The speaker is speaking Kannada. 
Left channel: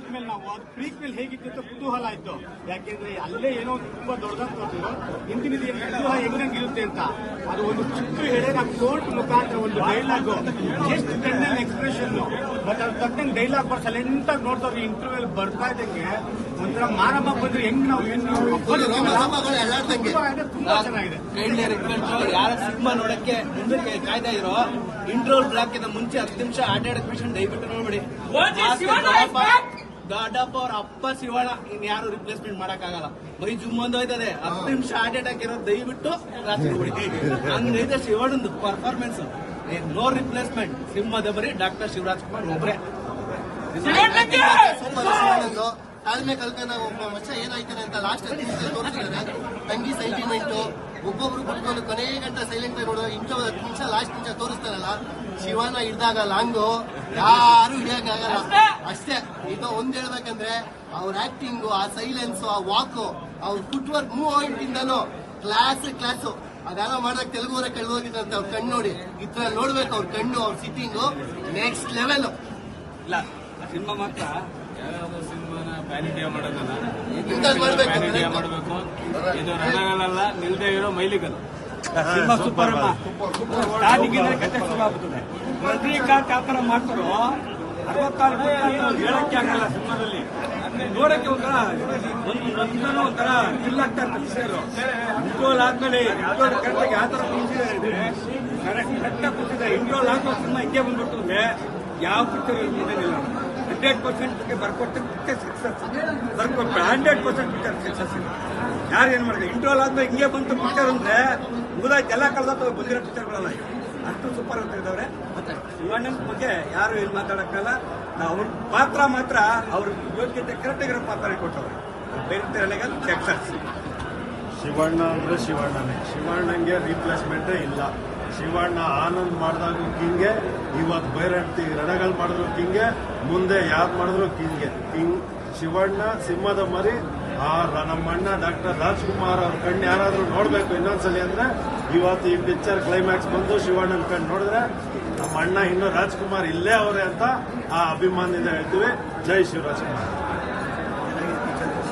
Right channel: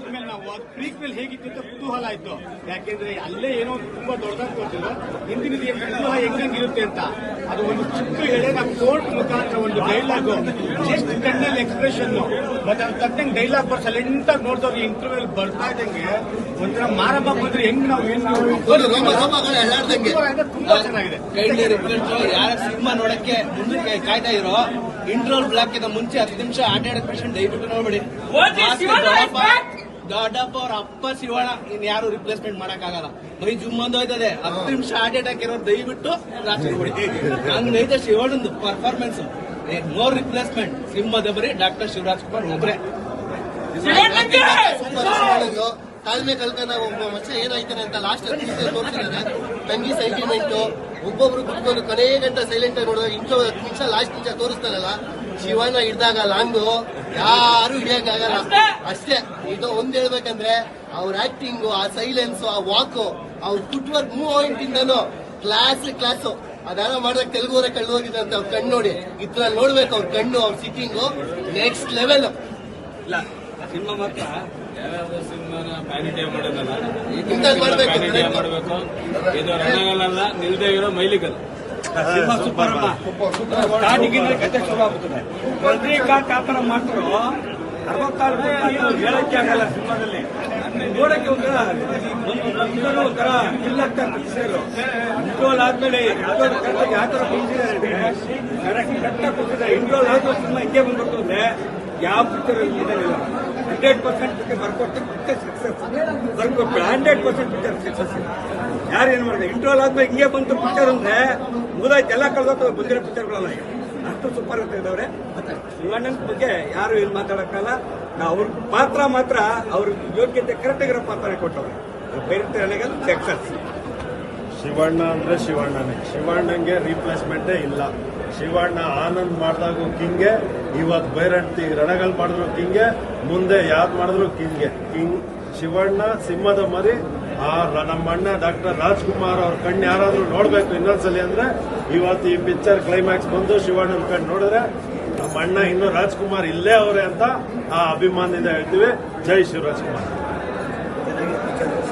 ನೋಡಿದ ಮೇಲೆ ನಾವು ಅದು ಪ್ರೀಕ್ ಮೇಲೆ ಹೇಗಿತ್ತು ಅಂತ ಕುತೂಹಲ ಆಯ್ತು. ಯಾಕೆಂದ್ರೆ ಅಲ್ಲೇ ಏನೋ ಒಂದು ತುಂಬಾ ದೊಡ್ಡದಾಗಿ ತೋರಿಸಿದ್ರು ಹಿಂದಿನ ಕುತೂಹ ಕುತೂಹಲ ಹೆಂಗಂಗಿರುತ್ತೆ ಅಂತ. ಅದು ಒಂದು ಚಿಕ್ಕ ಹೇಳಿ ನಾವು ಕೋರ್ಟ್ ಮುಖಾಂತರ ಒಂದು ಡೈಲಾಗ್ ಜಸ್ಟ್ ಕಣ್ಣಲ್ಲಿ ಎಕ್ಸ್ಪ್ರೆಷನ್ ಮತ್ತೆ ಅದು ತಕ್ಕಂಗೆ ಡೈಲಾಗ್ ಬರ್ಸ್ ಸೈಲೆಂಟ್ ಆಗಿ ನೋಡಿದವ್ರು ಇಂಟರ್ವ್ಯೂ ಬರ್ತಾ ಇದ್ದಂಗೆ ಒಂಥರ ಮಾರಮ್ಮ ಬಂದ್ರೆ ಹೆಂಗ್ ನಾವು ಎಳ್ಳಾಡ್ದಂಗೆ ತುಂಬಾ ಚೆನ್ನಾಗಿದೆ. ಯಾರ ಸಿನಿಮಾ ನೋಡಕ್ಕೆ ಮುಂದಕ್ಕೆ ಕಾಯ್ತಾ ಇರೋ ಇಂಟ್ರೋಲ್ ಬ್ಲಾಕ್ ಇಂದ ಮುಂಚೆ ಹತ್ತು ನಿಮಿಷ ಆಟ ಆಡಕ್ ಪೇಷಂಟ್ ದಯವಿಟ್ಟು ನೋಡ್ಬಿಡಿ. ದೊಡ್ಡಪ್ಪ ಅವ್ರ ಅಪ್ಪ ಶಿವಣ್ಣ ಇನ್ ಯಾರು ರಿಪ್ಲೇಸ್ಮೆಂಟ್ ಮಾಡಕ್ ಆಗಲ್ಲ ಮೈ ಜುಮ್ ಅಂದ್ ಹೋಯ್ತದೆ. ಹತ್ತು ನಿಮಿಷ ಹಾರ್ಟ್ ಅಟ್ಯಾಕ್ ಇರೋ ದಯವಿಟ್ಟು ರಾತ್ರಿ ಹೊಡಿತೀವಿ ಹಂಗೈತೆ ಶಿವಣ್ಣಂದು ಪರ್ಫಾರ್ಮೆನ್ಸ್ ನೋ ರಿಪ್ಲೇಸ್ಮೆಂಟ್ ಸಿಂಹದ ಬರೀ ಡಾಕ್ಟರ್ ಶಿವರಾಜ್ ಕುಮಾರ್ ಒಬ್ರೆ. ಶಿವಣ್ಣಂದು ತಾಳ್ಮೆ ಒಬ್ಬ ವರ್ಷ ಏನಾಯ್ತಾನೆ ಅಂತ ಲಾಸ್ಟ್ ತೋರಿಸಿದಾರೆ ತಂಗಿ ಸೆಂಟಿಮೆಂಟ್ ಒಬ್ಬೊಬ್ರು ಕುತ್ಕೊಂಡು ಕೊನೆ ಗಂಟೆ ಸೈಲೆಂಟ್ ಆಗಿ ನೋಡೋ ಇಂಟು ಹತ್ತು ನಿಮಿಷ ಲಾಸ್ಟ್ ನಿಮಿಷ ತೋರಿಸ್ತಾರಲ್ಲ, ಶಿವಣ್ಣ ಹಿಡ್ದಾಗ ಲಾಂಗು, ಯಾರು ಹಿಡಿಯಕ್ಕಾಗಲ್ಲ. ಅಷ್ಟೇ. ಇದು ಒಂದ್ ಹೇಳ್ಬೇಕಂದ್ರೆ, ಅವ್ರ ಆಕ್ಟಿಂಗು ಆ ಸೈಲೆನ್ಸ್ ಆ ವಾಕ್ ಅವ್ರ ಫುಟ್ ವರ್ಕ್ ಮೂವ್ಮೆಂಟ್ ಇಂದನು ಕ್ಲಾಸ್ ಕ್ಲಾಸು ಅದೆಲ್ಲ ಮಾಡಿದಾಗ ತೆಲುಗುವರೆ ಹೋಗಿದಂತೆ ಅವ್ರ ಕಣ್ಣು ನೋಡಿ. ಇದ್ರಲ್ಲಿ ನೋಡ್ಬೇಕು ಅವ್ರ ಕಣ್ಣು, ಅವ್ರ ಸಿಟ್ಟಿಂಗು ನೆಕ್ಸ್ಟ್ ಲೆವೆಲ್ ಸಿನಿಮಾ ಮಾತ್ರ. ಯಾರಾದ್ರೂ ಸಿನಿಮಾನ ಪ್ಯಾನ್ ಇಂಡಿಯಾ ಮಾಡೋದಲ್ಲ. ಈ ಪ್ಯಾನ್ ಇಂಡಿಯಾ ಮಾಡಬೇಕು ಇದು ರಣಗಲ್ಲ ನಿಲ್ದೇ ಇರೋ ಮೈಲಿಗಲ್ ಸಿನಿಮಾ ಸೂಪರ್ ಅಮ್ಮ. ಸ್ಟಾರ್ಟಿಂಗ್ ಕತೆ ಶುರು ಆಗುತ್ತದೆ. ರಜನಿಕಾಂತ್ ಆ ಥರ ಮಾಡ್ತಾರೋ? ಅರವತ್ತಾರು ಪುಸ್ತಕ ಹೇಳಕ್ಕೆ ಆಗಲ್ಲ ಸಿನಿಮಾದಲ್ಲಿ. ನೋಡಕ್ಕೆ ಒಂಥರ ಒಂದು ಒಂಥರ ಇಲ್ಲಾಗ್ತಾ ಕುಸಿದ್ರು ಇಂಟ್ರೋಲ್ ಆದ್ಮೇಲೆ ಇಂಟ್ರೋಲ್ ಕರೆಕ್ಟಾಗಿ ಯಾವ ಥರ ಬಂದಿದ್ದಾರೆ ಕರೆಕ್ಟ್ ಕೊಟ್ಟಿದ್ದಾರೆ ಇಂಟ್ರೋಲ್ ಆದ್ರೂ ಸಿನಿಮಾ ಹಿಂದೆ ಬಂದ್ಬಿಟ್ಟು ಅಂದ್ರೆ ಯಾವ ಪಿಕ್ಚರ್ ಇದಂಗಿಲ್ಲ ಹಂಡ್ರೆಡ್ ಪರ್ಸೆಂಟ್ ಪಿಕ್ಚರ್ ಬರ್ಕೊಟ್ಟು ಪಿಕ್ಚರ್ ಸಕ್ಸಸ್ ಬರ್ಕೊಟ್ಟು ಹಂಡ್ರೆಡ್ ಪರ್ಸೆಂಟ್ ಪಿಕ್ಚರ್ ಸಕ್ಸಸ್ ಯಾರು ಏನು ಮಾಡಿದೆ? ಇಂಟ್ರೋಲ್ ಆದ್ಮೇಲೆ ಹಿಂಗೆ ಬಂತು ಪಿಕ್ಚರ್ ಅಂದ್ರೆ ಮುಗಿದಾಯ್ತು ಎಲ್ಲ ಕಳೆದ ಬಂದಿರೋ ಪಿಕ್ಚರ್ಗಳೆಲ್ಲ ಅಷ್ಟು ಸೂಪರ್ ಅಂತ ಇದಾವ್ರೆ ಶಿವಣ್ಣನ ಬಗ್ಗೆ ಯಾರು ಏನು ಮಾತಾಡಕ್ಕಲ್ಲ ನಾವು ಅವ್ರ ಪಾತ್ರ ಮಾತ್ರ ಅವ್ರ ಯೋಗ್ಯತೆ ಕರೆಕ್ಟ್ ಆಗಿರೋ ಪಾತ್ರ ಕೊಟ್ಟವ್ರೆ. ಬೇರೆ ಸಕ್ಸಸ್ ಶಿವಣ್ಣ ಅಂದ್ರೆ ಶಿವಣ್ಣನೇ. ಶಿವಣ್ಣಂಗೆ ರೀಪ್ಲೇಸ್ಮೆಂಟೇ ಇಲ್ಲ. ಶಿವಣ್ಣ ಆನಂದ್ ಮಾಡಿದಾಗೂ ಕಿಂಗೆ ಇವತ್ತು ಬೈರಂತಿ ರಣಗಳು ಮಾಡಿದ್ರು ಕಿಂಗೆ, ಮುಂದೆ ಯಾವ್ದು ಮಾಡಿದ್ರು ಕಿಂಗೆ. ಕಿಂಗ್, ಶಿವಣ್ಣ, ಸಿಂಹದ ಮರಿ, ಆ ನಮ್ಮಣ್ಣ ಡಾಕ್ಟರ್ ರಾಜ್ಕುಮಾರ್ ಅವ್ರ ಕಣ್ಣು ಯಾರಾದ್ರೂ ನೋಡ್ಬೇಕು ಇನ್ನೊಂದ್ಸಲಿ ಅಂದ್ರೆ, ಇವತ್ತು ಈ ಪಿಕ್ಚರ್ ಕ್ಲೈಮ್ಯಾಕ್ಸ್ ಬಂದು ಶಿವಣ್ಣನ ಕಣ್ಣು ನೋಡಿದ್ರೆ, ನಮ್ಮ ಅಣ್ಣ ಇನ್ನು ರಾಜ್ಕುಮಾರ್ ಇಲ್ಲೇ ಅವರೇ ಅಂತ ಆ ಅಭಿಮಾನದಿಂದ ಹೇಳ್ತೀವಿ. ಜೈ ಶಿವರಾಜ್ಕುಮಾರ್.